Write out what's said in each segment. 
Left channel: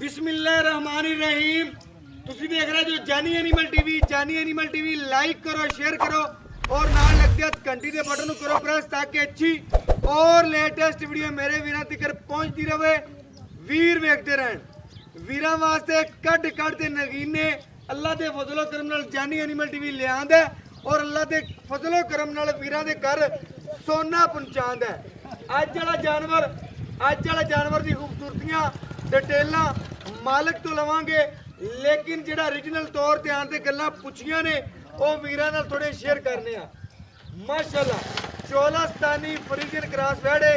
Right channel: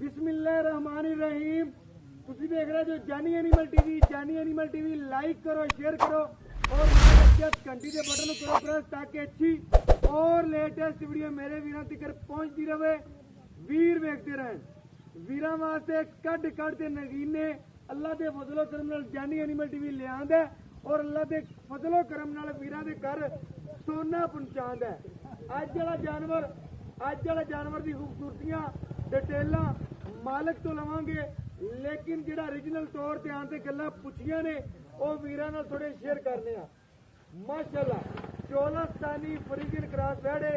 बिस्मिल्लाहिर्रहमानिर्रहीम। ਤੁਸੀਂ ਦੇਖ ਰਹੇ ਜੋ ਜਾਨੀ ਐਨੀਮਲ ਟੀਵੀ। ਜਾਨੀ ਐਨੀਮਲ ਟੀਵੀ ਲਾਈਕ करो, शेयर करो और नाल लगते घंटी के बटन करो प्रेस ताकि अच्छी और लेटेस्ट वीडियो मेरे वीरों तक पहुंचती रहे। वीर वेखते रहन। वीरों वास्ते कट के नगीने अल्लाह के फजलो करम नाल जानी एनीमल टीवी ले आंदा और अल्लाह के फजलो करम नाल वीरों के घर सोना पहुंचांदा है। अज वाला जानवर की खूबसूरतियां डिटेलां मालिक तो लवांगे, लेकिन जो ओरिजिनल तौर पर आते गल्लां पुछियां ने वो वीरां नाल थोड़े शेयर करने आ। माशाअल्लाह चोलस्तानी फ्रीजियन क्रॉस वैड़े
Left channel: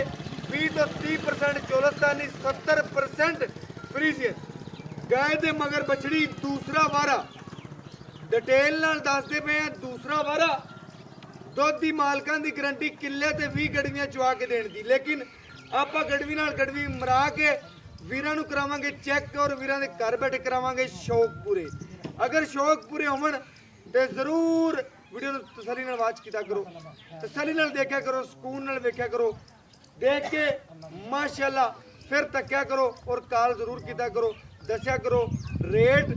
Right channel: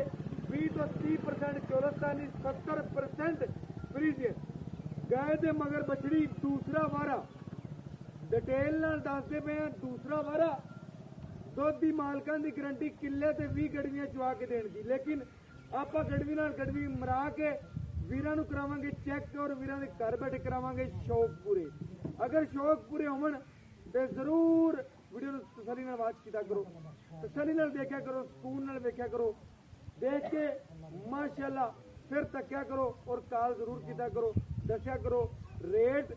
20 तो 30% चोलस्तानी 70% फ्रीजियन गाय दे मगर बछड़ी दूसरा वारा डिटेल नाल दसदे पे दूसरा वारा दुध की मालकां की गारंटी किले ते 20 गड़वियां चुआ के देने की, लेकिन आप गड़वी नाल गड़वी मरा के वीरां नूं करावांगे चेक और वीरां दे घर बैठे करावांगे शौक पूरे। अगर शौक पूरे होवन तो जरूर वीडियो नूं तसल्ली नाल वाच कीता करो, तसल्ली नाल देखा करो, सुकून नाल वेख्या करो। देख के माशाअल्लाह फिर तक्या करो और कॉल जरूर कीता करो, दस्या करो। रेट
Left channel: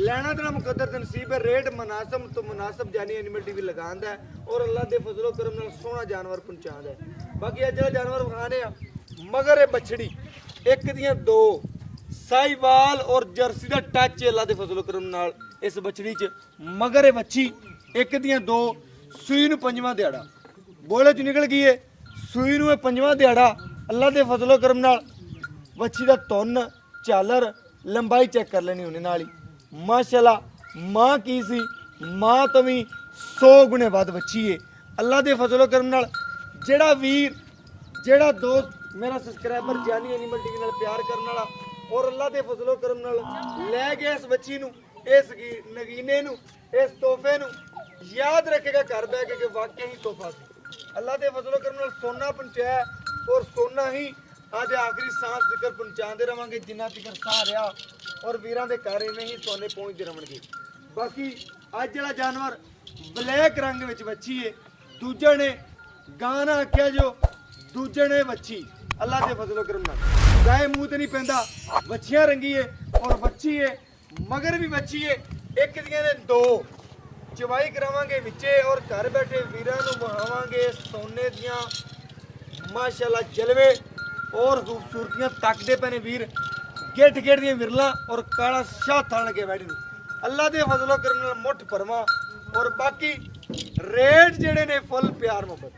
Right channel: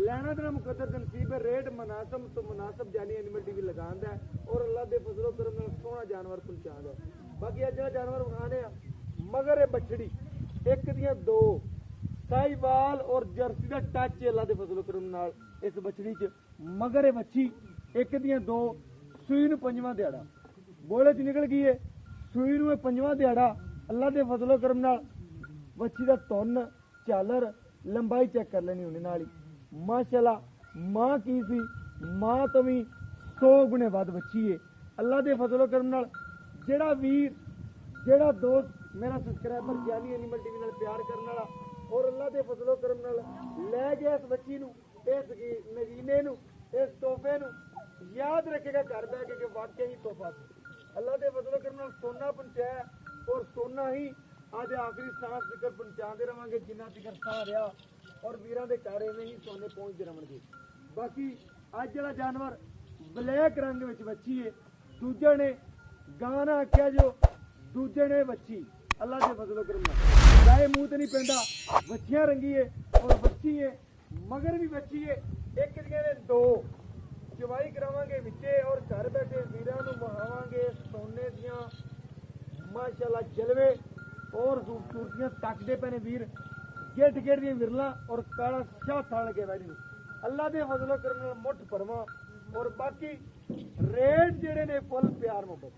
लेना देना मुकद्दर ते नसीब है। रेट मुनासिब तो मुनासिब जानी एनीमल टीवी लगांदा है और अल्लाह दे फजलो करम नाल सोहना जानवर पहुंचांदा है। बाकी अज जानवर विखाने आ मगर ये बछड़ी एक दियां दो साहिवाल और जर्सी का टच है अल्लाह दे फजलो करम नाल इस बछड़ी च। मगर ये बच्ची एक दियां दो सूई नूं पंजवां दिहाड़ा बोले च निकल गई है। सूई नूं पंजवां दिहाड़ा अल्लाह दे फजलो करम नाल बच्ची दा तुन झालर लंबाई चेक कर लेनी उन्हें नाल ही। माशाअल्लाह मां की सी मां तो भी 100 गुणे वध बच्ची है। अल्लाह दे फजलो करम नाल जेड़ा वीर जेड़ा दोस्त मेरा सबसक्राइबर जानी एनीमल टीवी नाल प्यार करने वाला और अल्लाह दे फजलो करम नाल लै गया इस बच्ची नूं, इस नगीने नूं, इस तोहफे नूं याद रखेगा घर बह के वाकई ही तोहफा सी। अल्लाह दे फजलो करम नाल सोना पहुंचाया और सोना ही आज आखिरी सांस तक पहुंचाते रवांगे जिन्ना तक साह रहा और वीरां दे घर इवें ही सोने पहुंचते रहणगे। बाकी अज वाला जानवर ब्लैक रंग विच बच्ची है। दूजा ने गाना आख्या जो दूजे ने बच्ची अल्लाह के फजलो करम नाल गाय मूँह तो नहीं पैंदा। बच्चियां रंगी है और बच्ची है मगर भी बच्ची है। एक दियां ने दो चवाई करावांगे विचे और घर बैठे वीरां नूं बहावांगे सोने दियां माशाअल्लाह जलवे और खूबसूरतियां तकदे पे ने वीर। गेट दियां विरला और काला शाह थन लगे बैठे ने अल्लाह के फजलो करम नाल मुठ भरवा। और बाकी रेट जेड़े ने फुल प्यार मुहब्बत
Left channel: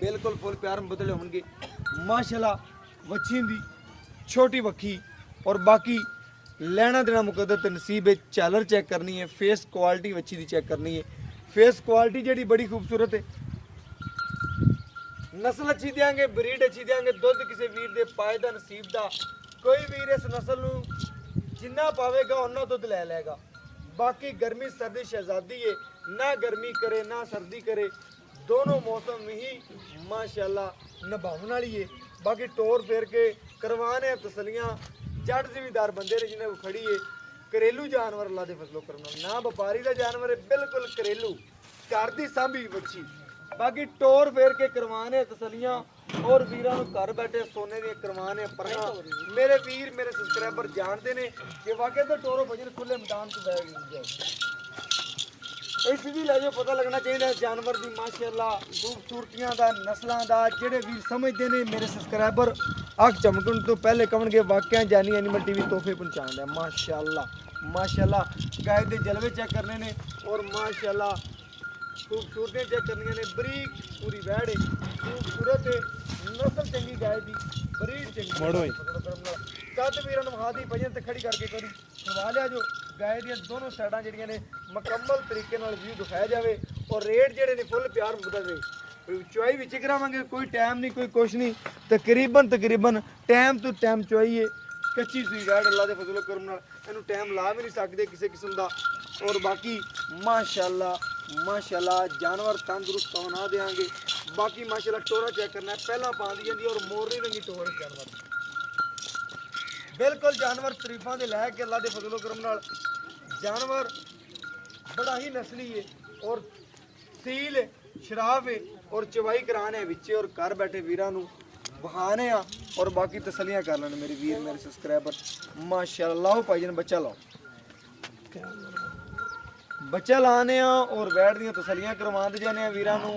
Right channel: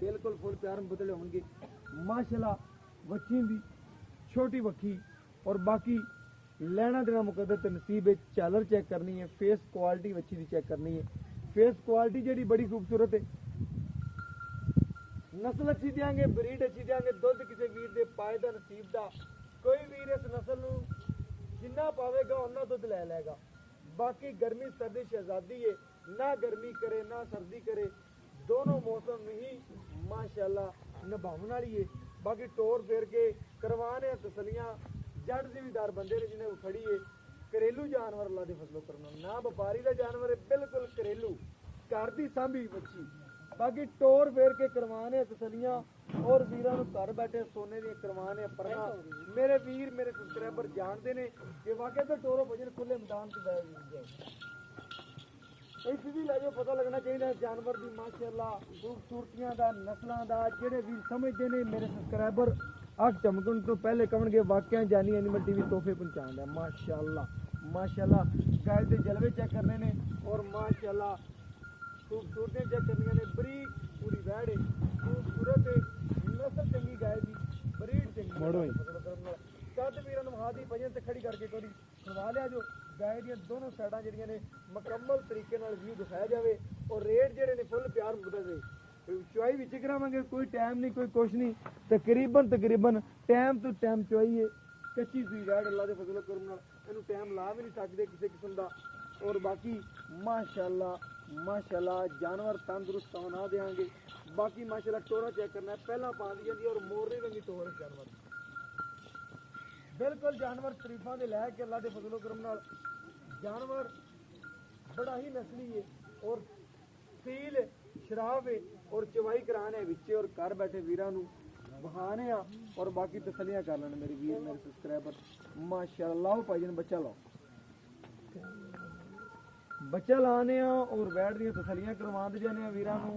बिल्कुल फुल प्यार मुहब्बत होंगे। माशाअल्लाह बच्ची दी छोटी वक्खी और बाकी लेना देना मुकद्दर ते नसीब है। झालर चेक करनी है, फेस क्वालिटी बच्ची दी चेक करनी है। फेस क्वालिटी जेड़ी बड़ी खूबसूरत है। नस्ल अच्छी देंगे, ब्रीड अच्छी देंगे, दुध किसी वीर दे पाए दा नसीब दा। कोई वीर इस नस्ल नूं जिन्ना पावेगा उन्ना दुध लै लेगा। बाकी गर्मी सर्दी शहजादी है, ना गर्मी करे ना सर्दी करे, दोनों मौसम ही माशाअल्लाह निभाने वाली है। बाकी टोर फेर के करवाने तसलियां जट जिमीदार बंदे ने जिन्हें खड़ी है। घरेलू जानवर अल्लाह दे फजलो करना ना व्यापारी का जानवर है, बिल्कुल घरेलू घर की सांभी बच्ची। बाकी टोर फेर के करवाने तसलियां और वीरां नूं घर बैठे सोने दी करवाने परना मेरे वीर मेरे सबसक्राइबर जानते हैं कि वाकई तो टोरो भजन खुले मैदान से बैठ जाए। इस भी लैजो पता लगना चाहिए जानवर की माशाअल्लाह खूबसूरतियां दा नस्लों का। जेडे वीर समझते हैं मेरे सबसक्राइबर अख चमकन तो पहले कहोगे वाकई जानी एनीमल टीवी तोहफे पहुंचाता है। माशाअल्लाह माशाअल्लाह गाय के जलवे चेक करने ने और माशाअल्लाह खूबसूरतियां चेक करनी ने। बरीक पूरी वैड़ है, खूबसूरत है, नस्ल चंगी गाय की, बरीड चंगी। कद वीर विखा दी भजन ते खड़ी करके करी करवा लिया जो गाय दी दोनों साइडां जिहड़ियां ने मुकम्मल तरीके नाल व्यू दिखाया जाए और रेट जेडे ने फुल प्यार मुकद्दर रहे। चुआई विच करावांगे, कोई टाइम नहीं कोई कुछ नहीं, तकरीबन टाइम तो टाइम चुआई है। कच्ची सुई वैड़ अल्लाह दे फजलो करम नाल इहनूं टाइम ला भी नहीं सकते किसी किस्म का। और बाकी माशाअल्लाह माशाअल्लाह जानवर तंदुरुस्त होना देंगे। बाकी माशाअल्लाह टोरा चेक करना है पहला पा दी जाती और मोरनी रंगी टोर जानवर बिल्कुल जानवर तरीफा दे लैके अल्लाह दे फजलो करम नाल जानवर बड़ा ही नस्ली है और सील शराब है और चवाई कराने विचे और घर बैठे वीरां नूं बहाने आ और बाकी तसलियां कर लेने मेरे वीर मेरे सब्सक्राइबर माशाल्लाह। लाओ भाईजान बच्चा लाओ, बच्चा लाने और बैठ दियां तसलियां करवाते जाने वीरां नू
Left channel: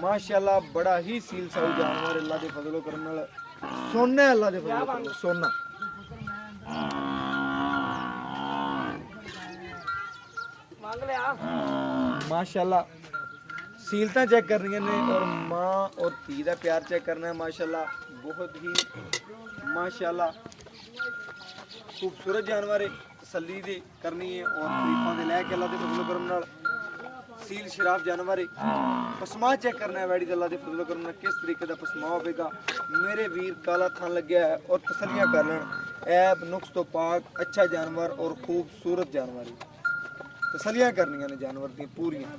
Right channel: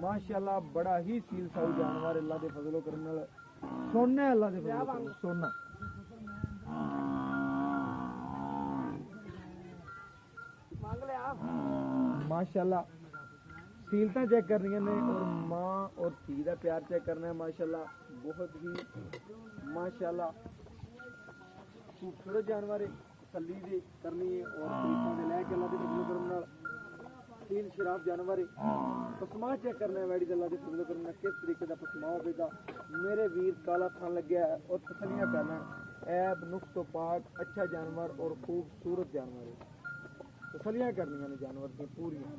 माशाल्लाह। बड़ा ही सील साऊ जानवर अल्लाह दे फजलो करम नाल सोना है, अल्लाह दे फजलो करम सोना। माशाल्लाह सीलता चेक करनियां ने और माँ और धी का प्यार चेक करना है माशाल्लाह। बहुत ही माशाल्लाह खूबसूरत जानवर है, तसल्ली दे करनी है और तरीफां दे लैके अल्लाह दे फजलो करम नाल सील शराफ जानवर है। पसमा चेक करना है वैड़ी अल्लाह दे फजलो करम नाल किस तरीके का पसमा होगा मेरे वीर। काला थान लग्या है और तसलियां कर लें ऐब नुक्स तो पाक अच्छा जानवर और खूबसूरत जानवर है। तसलियां करनियां ने जानवर दी पूरियां।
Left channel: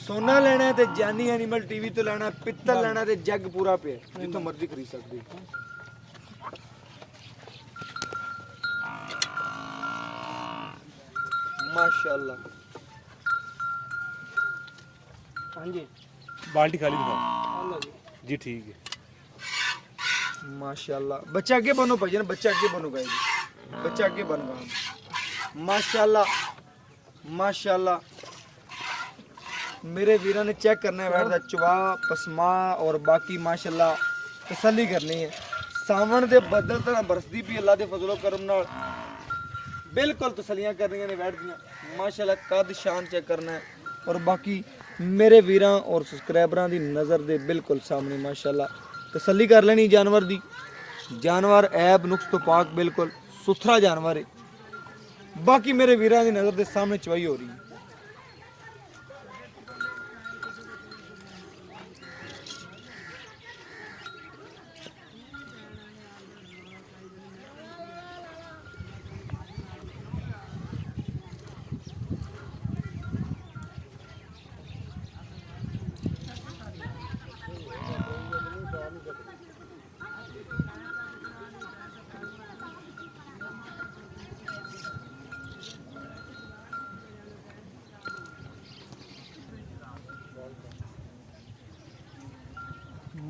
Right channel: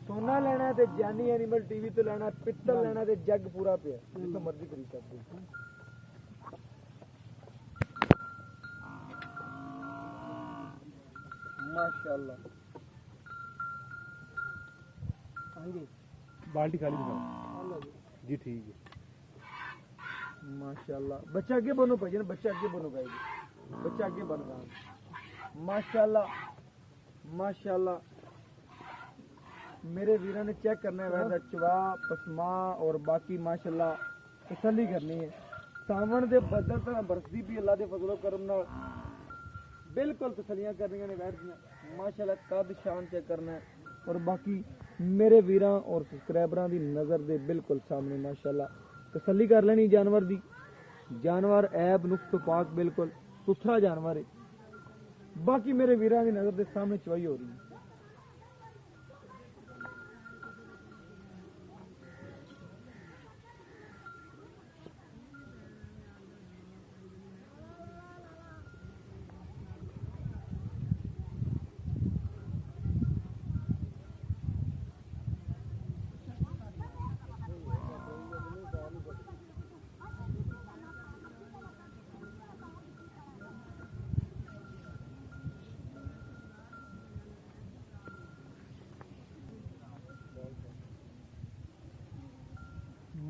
सोना लेना है तो जानी एनिमल टीवी तो लेना, पित्तल लेना तो जग पूरा पे जितों मर्जी खरीद सकते हो। माशाल्लाह। हाँ जी बाल्टी खाली दिखाओ जी, ठीक है माशाल्लाह। बच्चा आगे बनो भाईजान, बच्चा आगे बनो भाई, बच्चा आगे बन गया माशाल्लाह माशाल्लाह। मेरे वीरों ने चेक करना है बैठा चवा पसमा और बाकी माशाल्लाह तसल्ली करनी है। सावन दे बदल तरह बरसदी भी अल्लाह दे फजलो करम नाल बिल्कुल तसलियां करनियां ने बैठ दियां माशाल्लाह। कद शान चेक करना है और बाकी मेरे वीरां और सब्सक्राइबरां दी नज़र दे बिल्कुल सामने माशाल्लाह तसल्ली कर लेनी जानवर दी। जानवर ऐब नुक्स तो पाक बिल्कुल सुथरा जानवर है। बाकी मेरे वीरां दी नज़र दे सामने चवाई हो रही है।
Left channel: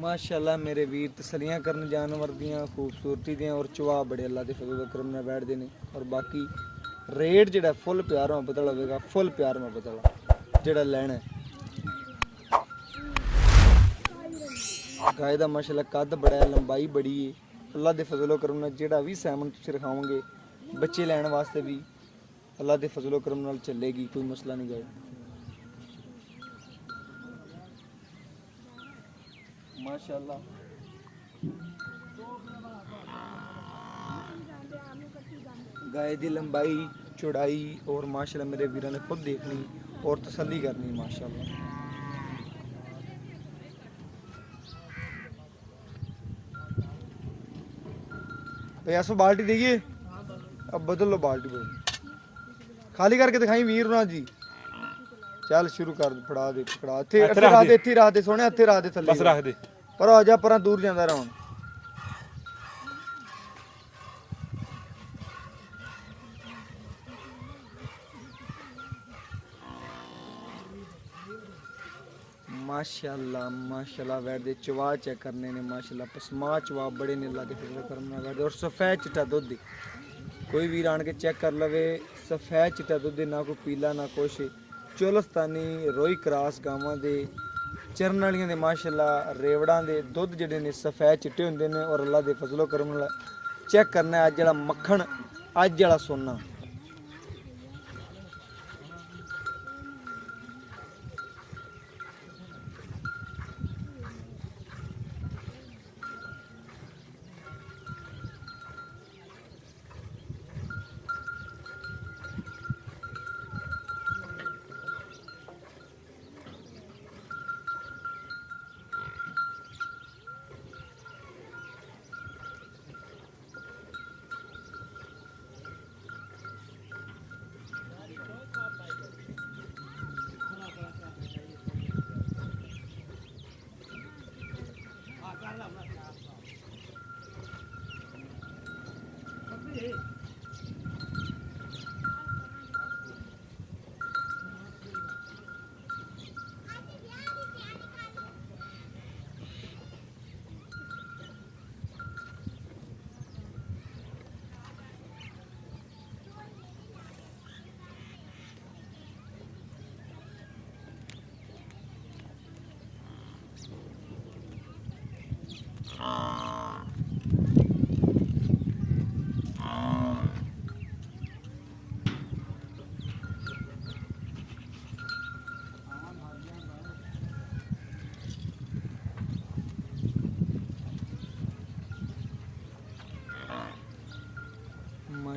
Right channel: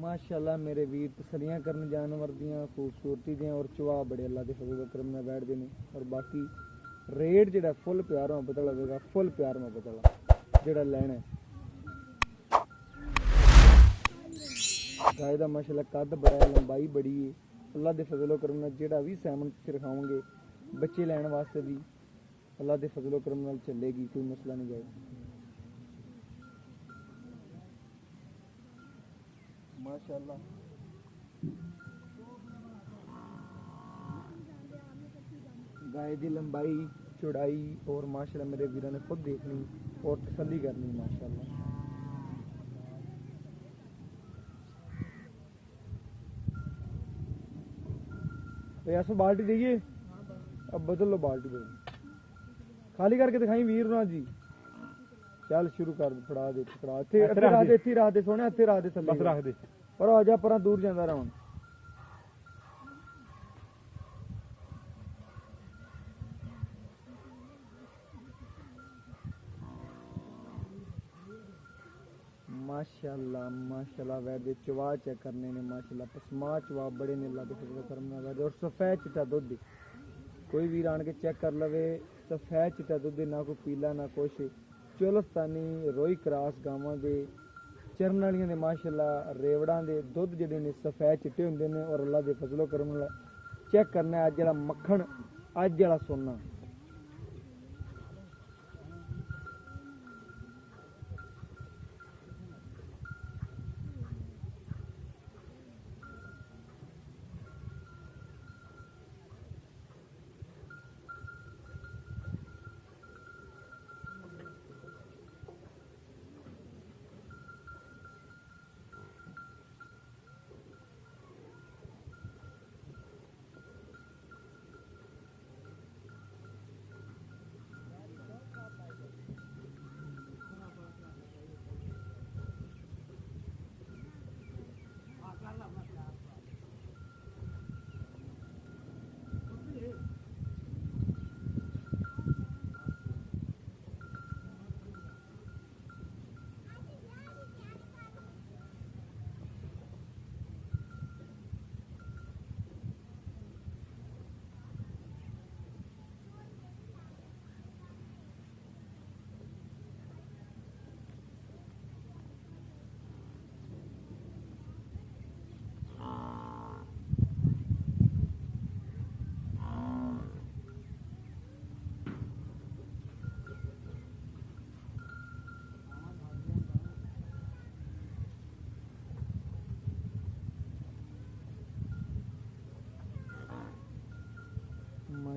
माशाल्लाह मेरे वीर तसलियां करन जानवर दियां खूबसूरती दियां और चवा बड़े अल्लाह के फजल करम नाल बैठदे ने। और बाकी रेट जेड़ा फुल प्यार मोहब्बत वाला होगा, फुल प्यार मोहब्बत वाला जेड़ा लेना है। गाय दा माशाल्लाह कद बड़ा है, लंबाई बड़ी है अल्लाह के फजलो करम नाल। जेड़ा भी सैमन तुसीं रखाओगे बच्चे लैण वास्ते भी अल्लाह के फजलो करम नाल चलेगी, कोई मसला नहीं गाय माशाल्लाह। गाय की लंबाई चौड़ाई और माशाल्लाह मेरे वीरों ने खुद देखनी और तसल्ली करनी माशाल्लाह। ऐसो बाल्टी देखिए, अब बदल लो बाल्टी, बदल खाली करके दिखाई वीर ना जी। चल शुरू कर फड़ा दे, पकड़ा इत्थे रख दे, इत्थे रख दे सोने, इत्थे रख दे थल्ले बस रख दे पर आ जा पर दूर जांदा रह। माशाल्लाह माशाल्लाह वैट दे चवा चेक करने ने माशाल्लाह। पसमा चवा बड़े ने अल्लाह दे फजल करम नाल वैट और सफेद चिट्टा दुध। कोई भी आन के चेक कर लवे, सफेद चिट्टा दुध ना कोई पीला ना कुछ। चोलस्तानी रोई क्रास गावां दे चरन वालियां दे माशाल्लाह रेवड़ां दे दुध जिहड़े ने सफेद चिट्टे हुंदे ने और अल्लाह दे फजलो करम नाल चेक करना अज जिहड़ा मक्खन अज जिहड़ा सोना।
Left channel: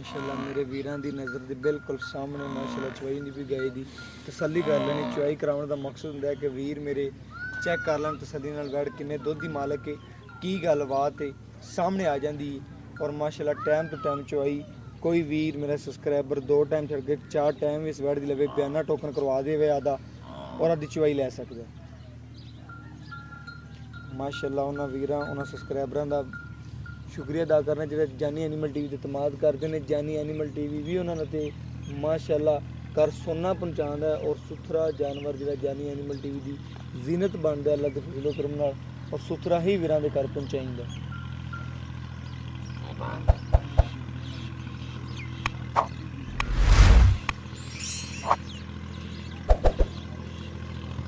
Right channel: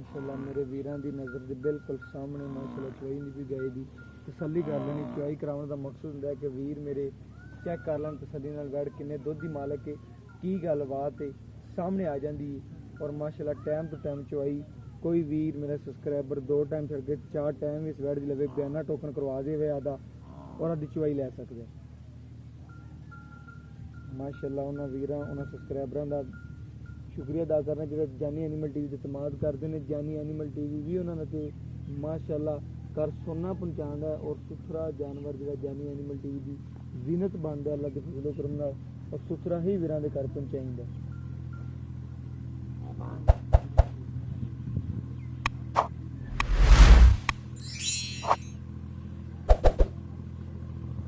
ਮਾਸ਼ਾਅੱਲਾ ਮੇਰੇ ਵੀਰਾਂ ਦੀ ਨਜ਼ਰ ਦੇ ਬਿਲਕੁਲ ਸਾਹਮਣੇ ਮਾਸ਼ਾਅੱਲਾ ਚਵਾਈ ਨਹੀਂ ਵੀ ਗਏ ਦੀ ਤਸੱਲੀ ਕਰ ਲੈਣੀ। ਚਵਾਈ ਕਰਾਉਣ ਦਾ ਮਕਸਦ ਹੁੰਦਾ ਹੈ ਕਿ ਵੀਰ ਮੇਰੇ ਚੈੱਕ ਕਰ ਲੈਣ ਤਸੱਲੀ ਨਾਲ ਬੈਠ ਕਿੰਨੇ ਦੁੱਧ ਦੀ ਮਾਲਕ ਹੈ, ਕੀ ਗੱਲਬਾਤ ਹੈ, ਸਾਹਮਣੇ ਆ ਜਾਂਦੀ ਹੈ। ਔਰ ਮਾਸ਼ਾਅੱਲਾ ਟਾਈਮ ਤੋਂ ਟਾਈਮ ਚਵਾਈ ਕੋਈ ਵੀਰ ਮੇਰਾ ਸਬਸਕ੍ਰਾਈਬਰ 2 ਟਾਈਮ ਛੱਡ ਕੇ 4 ਟਾਈਮ ਇਸ ਵੈੜ ਦੀ ਲਵੇ ਬਿਆਨਾ ਟੋਕਨ ਕਰਵਾ ਦੇਵੇ ਆਦਾ ਔਰ ਆਦੀ ਚਵਾਈ ਲੈ ਸਕਦਾ। ਮਾਸ਼ਾਅੱਲਾ ਉਹਨਾਂ ਵੀਰਾਂ ਉਹਨਾਂ ਸਬਸਕ੍ਰਾਈਬਰਾਂ ਦਾ ਸ਼ੁਕਰੀਆ ਅਦਾ ਕਰਨਾ ਜਿਹੜੇ ਜਾਨੀ ਐਨੀਮਲ ਟੀਵੀ ਤੇ ਇਤਮਾਦ ਕਰਦੇ ਨੇ। ਜਾਨੀ ਐਨੀਮਲ ਟੀਵੀ ਵੀ ਉਹਨਾਂ ਨੇ ਤੇ ਮਾਸ਼ਾਅੱਲਾ ਕਰ ਸੋਨਾ ਪਹੁੰਚਾਉਂਦਾ ਹੈ ਔਰ ਸੁਥਰਾ ਜਾਨਵਰ ਜਿਹੜਾ ਜਾਨੀ ਐਨੀਮਲ ਟੀਵੀ ਦੀ ਜ਼ੀਨਤ ਬਣਦਾ ਅੱਲਾ ਦੇ ਫਜ਼ਲ ਕਰਮ ਨਾਲ ਔਰ ਸੁਥਰਾ ਹੀ ਵੀਰਾਂ ਦੇ ਘਰ ਪਹੁੰਚਾਈਂਦਾ।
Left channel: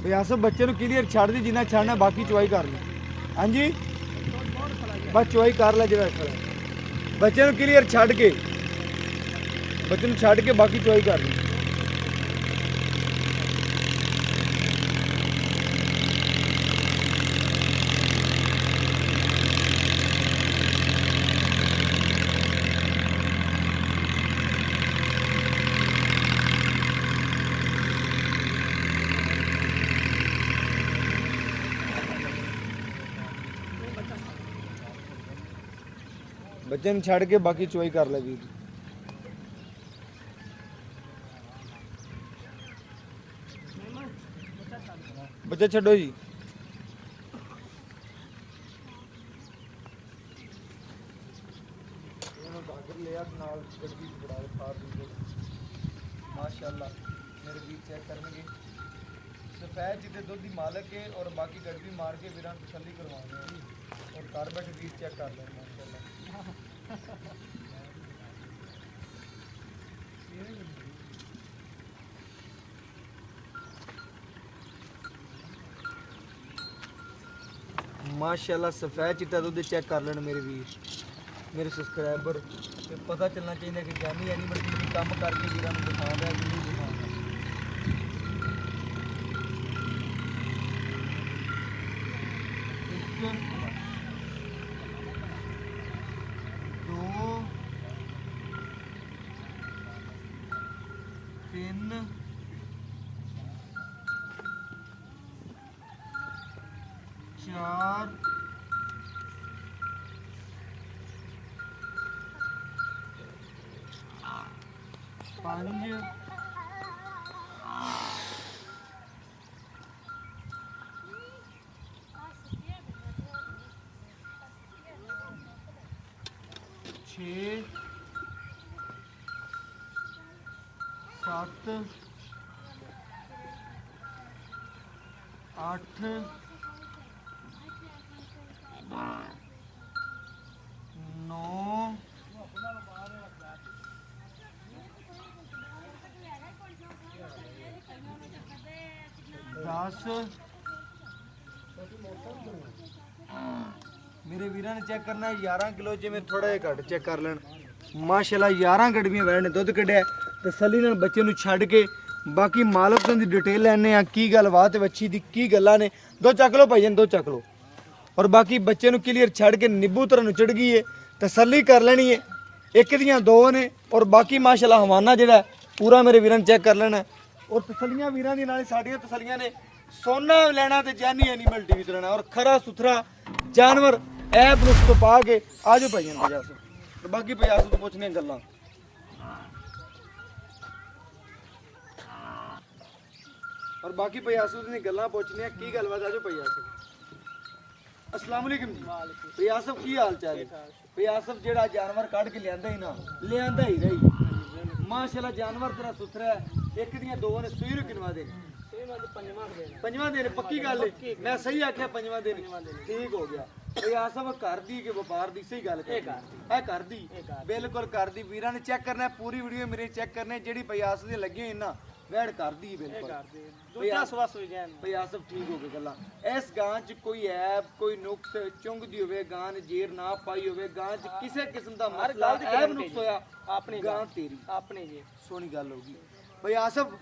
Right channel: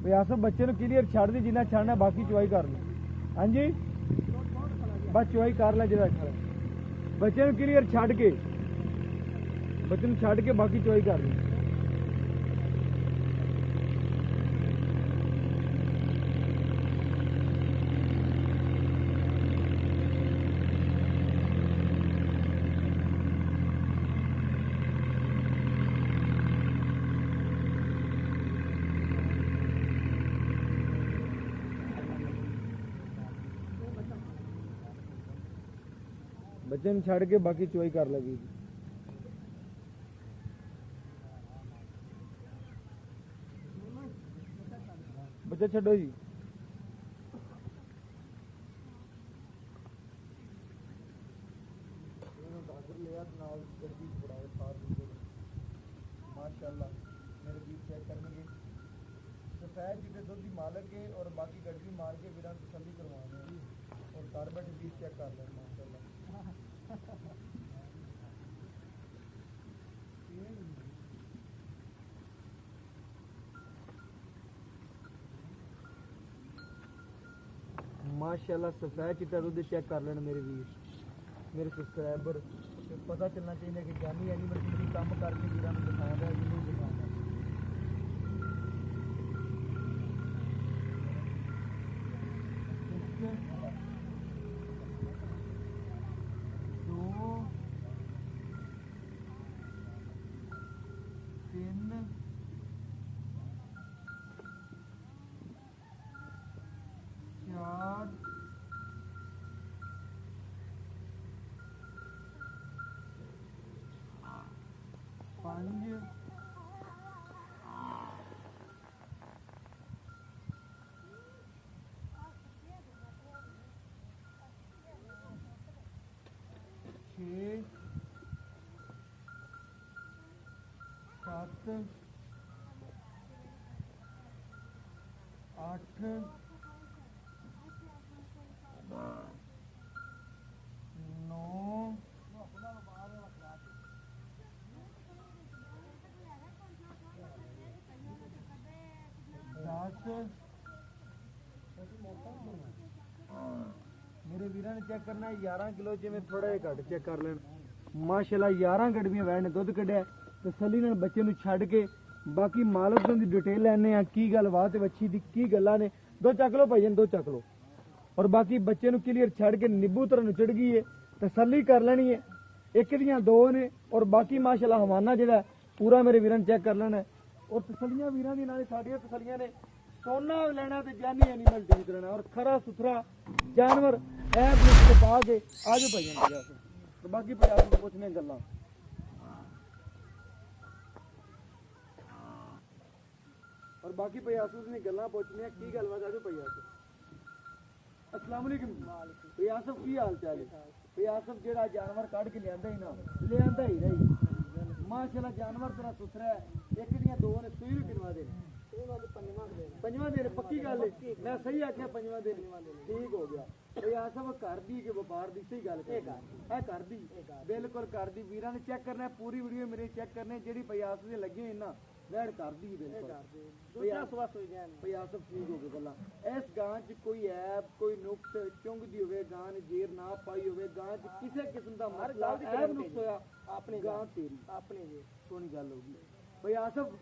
ਬਿਆਸਬ ਬੱਚੇ ਨੂੰ ਕਲੀਅਰ ਛੱਡ ਦੀ ਜਿੰਨਾ ਛੱਡਣਾ ਬਾਕੀ ਚਵਾਈ ਕਰ ਲੈ। ਹਾਂਜੀ ਬਸ ਚਵਾਈ ਕਰ ਲੈ ਜਿਹੜਾ ਖੜਾ ਬੱਚੇ ਨੂੰ ਕਲੀਅਰ ਛੱਡ ਕੇ ਬਾਕੀ ਚਵਾਈ ਕਰ ਲਈ। ਬੱਚੇ ਨੂੰ ਛੱਡ ਕੇ ਬਾਕੀ ਚਵਾਈ ਕਰ ਲੈ ਵੀਰ। ਬੱਚਾ ਛੱਡੋ ਜੀ। माशाअल्लाह मेरे ਵੀਰ ਚੈੱਕ ਕਰਨਗੇ ਸਫੈਦ ਜਿੱਦੇ ਦੁੱਧ ਦੀ ਮਾਲਕ ਹੈ ਔਰ ਬਾਕੀ ਗੜਬੀ ਮਾਰ ਕੇ ਵੀਰਾਂ ਤਸੱਲੀ ਕਰਵਾਉਣੀ ਹੈ ਜੀ ਔਰ ਘਰ ਬੈਠੇ ਵੀਰ ਚੈੱਕ ਕਰ ਲੈਣ ਮਾਸ਼ਾਅल्लाह। माशाअल्लाह सफेद चिट्टा दुध चेक कर लेना मेरे वीर मेरे सब्सक्राइबर ते पता चलना चाहिए कि जानी एनिमल टीवी काम करके वीरां नूं दिखा रहा है कि नहीं दिखा रहा। दो तीन चार पांच छः सात आठ नौ 10 मेरे वीर ने चेक करना 11 किलो जिमें थोड़ा जिहा घट चेक कर लें माशाअल्लाह 11 गड़बियां वैड़ ने दुध कढ़िया तसल्ली नाल बच्चे नूं छड्ड के बाकी मालक दी डिटेल लैने आ की गलबात बच्ची दी की गल्लां ने दो चक लो भाईजान दो चक लो और बाकी बच्चे नूं क्लीयर छड्ड के नींबू तरह चढ़ गई है तसल्ली कर लेनी है एक दियां दो ने और बाकी माशाअल्लाह हवाना जिहड़ा पूरा मेरे वीरां ने चेक कर लेना और तसल्लियां वीरां दी नाल साडियां तसल्लियां ने सोना लेना ते जानी एनिमल टीवी ते लेना और खरा सुथरा जानवर ऐप नुस्ख पा के आ जाओ भाईजान तो बाकी भैया तो पुछने गल्लां और बाकी भैयासुद ने गल्लां पूछनियां की गलबात आ जाओ भैयासुद अस्सलाम वालेकुम भैयासुद की हाल चाल है भैयासुद जेड़ा जानवर काट के लियांदा ही ना लियांदा ही रही माशाल्लाह जानवर तेरा सुथरा है एक दियां दो ने सूई नु किनवा दे पंजवां दिन पक्की गल है मैं सही आख्या पंजवां दिन ठीक हो गया भैयासुद कर दी के व्यापार दी सही गल है कर दी बिल्कुल कर दी वीरां ने चेक करना पूरी वीडियो मेरे चेक करने जेड़ी भैयासुद दे लगे ना वैड कर दी बिल्कुल भैयासुद ठीक हो गए गल्लां इस गां च कोई ऐब कोई नुक्स चुंगदी होवे गां ने जेर ना पाई होवे गां च किसी किस्म दा मसला ऐब नुक्स होया अपनी गां तेरी अपनी जी सोहनी गल होगी भैयासुद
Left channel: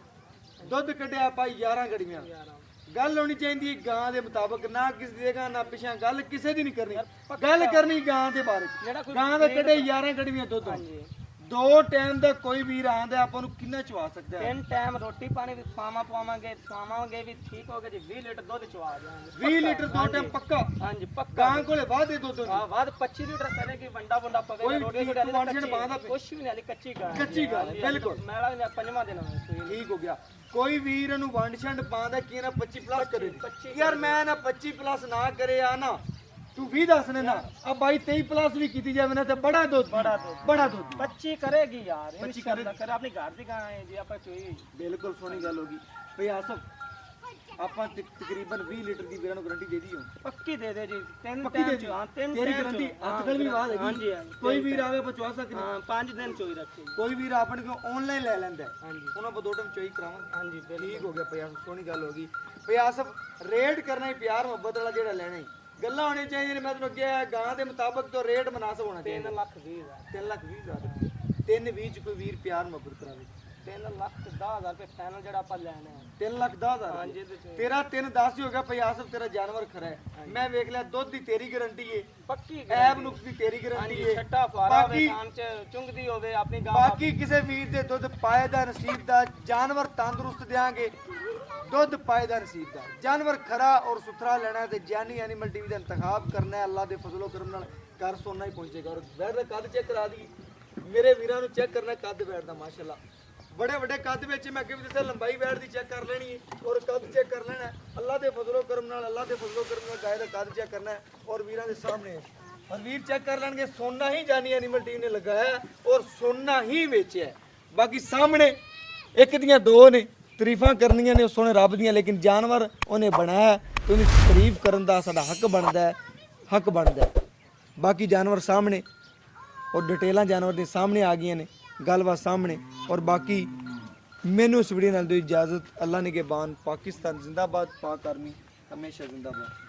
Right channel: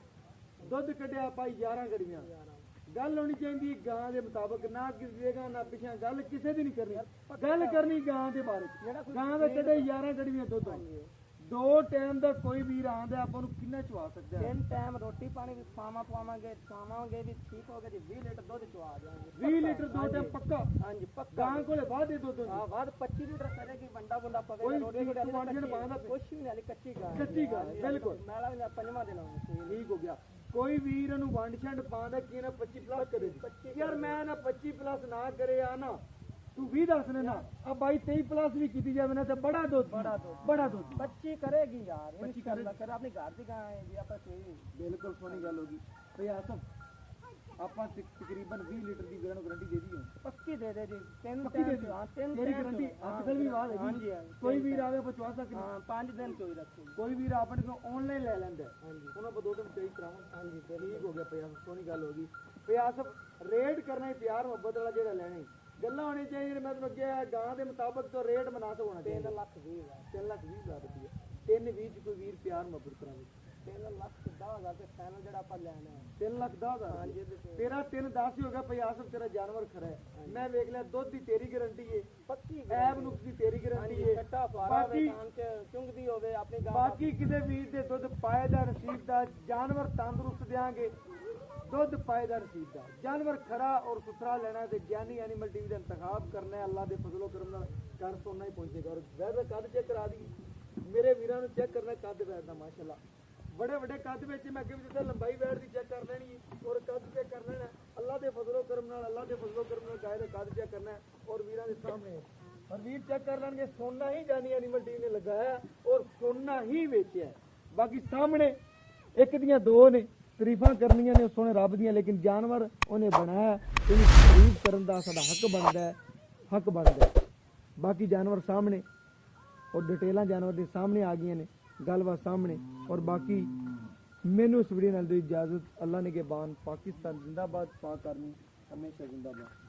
दुध कढ़िया पाई 11 गड़ियां गल होनी चाहिए गां दे मुताबिक ना किसी देगा ना पिछा गल किसी दी नहीं करनी गल करनी गां दे बारे गां दे कढ़े 11 गड़ियां दुध ਦੋ ਟਾਈਮ ਦਾ ਕੋਈ ਵੀਰ ਆਂਦਾ ਆਪਾਂ ਨੂੰ ਕਿੰਨਾ ਚਵਾ ਸਕਦਾ ਹੈ? 3 ਟਾਈਮ ਰੋਟੀ ਪਾਣੀ ਵੀ ਖਵਾਵਾਂਗੇ ਵੀ ਠੀਕ ਹੋ ਗਿਆ ਜੀ 20 ਲੀਟਰ ਦੁੱਧ ਚਵਾ ਦਿਆਂਗੇ 20 ਲੀਟਰ ਦੋ ਟਾਈਮ ਪੱਕਾ। ਹਾਂਜੀ ਪੱਕਾ ਗਾਂ ਕੋਲੇ ਵਾਧੇ ਦੁੱਧ ਹੁੰਦੀ। ਹਾਂ ਬਾਅਦ 25 ਲੀਟਰ ਕਰੇਗੀ ਵੰਡਾ ਵੰਡਾ ਪਵੇ ਕੋਈ ਰੋਟੀ ਵੀ ਵਾਂਝਣ ਪਾਉਂਦਾ ਕੁਛ ਵੀ ਨਹੀਂ ਹਾਲੇ ਕੱਚੀ ਗਾਂ ਕੱਚੀ ਗਾਂ ਹੈ, ਬਿਲਕੁਲ। ਮੈਲਾ ਵੀ ਪੰਜਵਾਂ ਦਿਨ ਹੋਇਆ ਸੂਈ ਨੂੰ। ਠੀਕ ਹੋ ਗਿਆ। ਕੋਈ ਵੀਰ ਇਹਨੂੰ ਵੰਡ ਛੰਡ ਪਾਉਂਦਾ ਕੀ ਨਾ 25 ਪਲੱਸ ਕਰੇ 25 ਯਾਰ ਮੈਂ ਨਾ 25 ਪਲੱਸ ਨਾ ਕਰੇ ਆ ਨਾ ਤੂੰ 20 ਦੱਸ ਨੇ ਨਾ ਆ ਬਾਈ 23 ਪਲੱਸ ਵੀ ਕੀਤੀ ਜਾਵੇ ਨਾ ਤੇ ਬੜਾ ਦੁੱਧ ਬੜਾ ਦੁੱਧ 25 ਕਰੇਗੀ ਯਾਰ 25 ਇਨਸ਼ਾਅੱਲਾ ਕਰ ਆਪਣੀ ਘਰ ਦੀ ਗਾਂ ਹੈ ਜੀ ਆਪਾਂ ਚੋਈ ਬਿਲਕੁਲ ਸੋਹਣੀ ਗੱਲ ਹੋ ਗਈ ਭਈ ਆਸਫ ਆਪਾਂ ਤਕਰੀਬਨ 20 ਲੀਟਰ ਦੀ ਵੀਰਾਂ ਨੂੰ ਗਾਰੰਟੀ ਦੇ ਦਈਓ ਪੱਕੀ ਦੇ ਦੇ ਜੀ 3 ਪੱਕੀ ਦੇ ਟਾਈਮ ਹਾਂ 3 ਤੇਰੀ ਗਾਰੰਟੀ ਅੱਜਕੱਲ ਵੀ ਬਾਤ ਹੈਗੀ ਹਾਂਜੀ ਹਾਂਜੀ ਕੋਈ ਵੀਰ ਆਵੇ ਪਚਵਾ ਸਕਦੇ ਹਾਂ 5 ਦਿਨ ਚੋਈ ਰੱਖੀ ਕੋਈ ਵੀਰ ਆਪਣੇ ਕੋਲ ਆਨਲਾਈਨ ਲੈ ਲੈਂਦਾ ਹਾਂਜੀ ਉਹਨਾਂ ਆਪਾਂ ਦੋ ਟਾਈਮ ਚੋਈ ਕਰਾਵਾਂਗੇ ਹਾਂਜੀ ਠੀਕ ਹੋ ਗਿਆ ਭਈ ਆਸਫ ਸੋਹਣੀ ਗੱਲ ਹੋ ਗਈ ਭਈ ਆਸਫ ਰੇਟ ਕਰਨਾ ਹੀ ਪਿਆਰ ਮੁਹੱਬਤ ਵਾਲਾ ਜਿਹੜਾ ਲੈਣਾ ਹੀ ਗੱਲਾਂ ਹੋਣੀਆਂ ਚਾਹੀਦੀਆਂ ਨੇ ਮੈਂ ਤੁਹਾਨੂੰ ਕਿਹਾ ਗਾਂ ਦੇ ਮੁਤਾਬਕ ਤੋਂ ਰੇਟ ਮਨਾਸਬ ਹੋਣਾ ਚਾਹੀਦਾ 3,20,000 3,20,000 320 ਚ ਕੋਈ ਵੀਰ ਪਿਆਰ ਮੁਹੱਬਤ ਕਰਾਵੇ 3,10,000 ਰੁਪਏ ਫਾਈਨਲ ਜਿਹੜਾ ਆਪਾਂ ਲੈਣਾ ਹੈ 3,10,000 ਹਾਂਜੀ ਇਹਦੇ ਚ ਤੇਰਾ 3,10 ਹੀ ਹੋ ਗਿਆ ਭਈ ਆਸਫ ਤੇਰਾ ਜਾਨਵਰ ਖਰਾ ਹੈ ਮੈਂ ਵੇਖ ਲਿਆ ਦੁੱਧ ਦੀ ਤੇਰੀ ਗਾਰੰਟੀ ਏ ਪੱਕੀ ਐਬ ਨੁਕਸ ਦੀ ਤੇਰੀ ਗਾਰੰਟੀ ਹਾਂਜੀ ਏ ਛੱਟਾ ਫਾਰਾ ਹੋਵੇ ਬਾਕੀ ਕਾਨ ਚ ਚੁੰਗਦੀ ਹੋਵੇ ਆਪਣੀ ਗਾਂ ਬਾਕੀ ਕਿਸੇ ਵੀਰ ਦੇ ਦੁੱਧ ਪਾਏਦਾ ਨਸੀਬ ਦਾ ਜਾਨਵਰ ਤੰਦਰੁਸਤ ਦਿਆਂਗੇ ਦੁੱਧ ਪਾਏਦਾ ਨਸੀਬ ਦਾ ਜਾਨਵਰ ਖਰਾ ਔਰ ਸੁਥਰਾ ਲੈਣਾ ਹੈ ਤੇ ਜਾਨੀ ਐਨੀਮਲ ਟੀਵੀ ਦਾ ਇੰਤਖਾਬ ਕਰਨਾ ਹੈ ਅੱਲਾ ਦੇ ਫਜ਼ਲੋ ਕਰਮ ਨਾਲ ਘਰ ਸੋਨਾ ਹੀ ਪਹੁੰਚੇਗਾ ਔਰ ਵੈੜ ਦਾ ਕੱਦ ਚੈੱਕ ਕਰਾ ਦੀ ਮੇਰੇ ਵੀਰਾਂ ਨੂੰ ਚੈੱਕ ਕਰਨਾ ਕੱਦ ਵੈੜ ਦਾ ਮਾਸ਼ਾਅੱਲਾ ਬੜੇ ਵੱਡੇ ਕੱਦ ਵਿੱਚ ਮੈਂ ਅੱਗੇ ਵੀ ਦੱਸਿਆ ਲੰਬਾਈ ਵੈੜ ਦੀ ਚੈੱਕ ਕਰ ਲੈਣੀ ਹੈ ਔਰ ਕੱਦ ਚੈੱਕ ਕਰ ਲੈਣਾ ਹੈ ਅੱਲਾ ਦੇ ਫਜ਼ਲੋ ਕਰਮ ਨਾਲ ਗਾਇ ਦਾ ਕੱਦ ਚੈੱਕ ਕਰਨਾ ਹੈ ਔਰ ਵੀਰਾਂ ਦੇ ਸਾਹਮਣੇ ਹੈ। ਔਰ ਵੀਰ ਚੈੱਕ ਕਰ ਲੈਣਗੇ ਸੋਨਾ ਹੀ ਜਾਨੀ ਐਨੀਮਲ ਟੀਵੀ ਨੇ ਲਗਾਇਆ ਹੈ ਔਰ ਸੋਨਾ ਹੀ ਵੇਚਿਆ ਹੈ। ਬਾਕੀ ਸਾਹਮਣੇ ਇੱਕ ਦੀਆਂ ਦੋ ਨੇ ਤਾਰੀਫਾਂ ਕਰਨੀਆਂ ਨੇ ਸੋਹਣੇ ਰੱਬ ਦੀਆਂ ਲੇਕਿਨ ਜਾਨਵਰ ਉਹਨੇ ਬਣਾਇਆ ਤੇ ਉਹਨੂੰ ਤਾਰੀਫ ਕਰਨ ਦਾ ਸਾਡਾ ਹੱਕ ਬਣਦਾ ਹੈ ਬਾਕੀ ਜਾਨਵਰ ਸਾਹਮਣੇ ਔਰ ਡਿਟੇਲਾਂ ਜਾਨਵਰ ਦੇ ਸਾਹਮਣੇ ਆ ਗਈਆਂ ਨੇ ਗੱਲਬਾਤ ਸਾਹਮਣੇ ਔਰ ਬਾਕੀ ਮੈਨੂੰ ਇਸ ਵੀਡੀਓ ਨਾਲ ਦਿਓ ਇਜਾਜ਼ਤ ਅੱਲਾ ਨਿਗਹਿਬਾਨ ਪਾਕਿਸਤਾਨ ਜ਼ਿੰਦਾਬਾਦ ਪਾਕ ਆਰਮੀ ਹਮੇਸ਼ਾ ਜ਼ਿੰਦਾਬਾਦ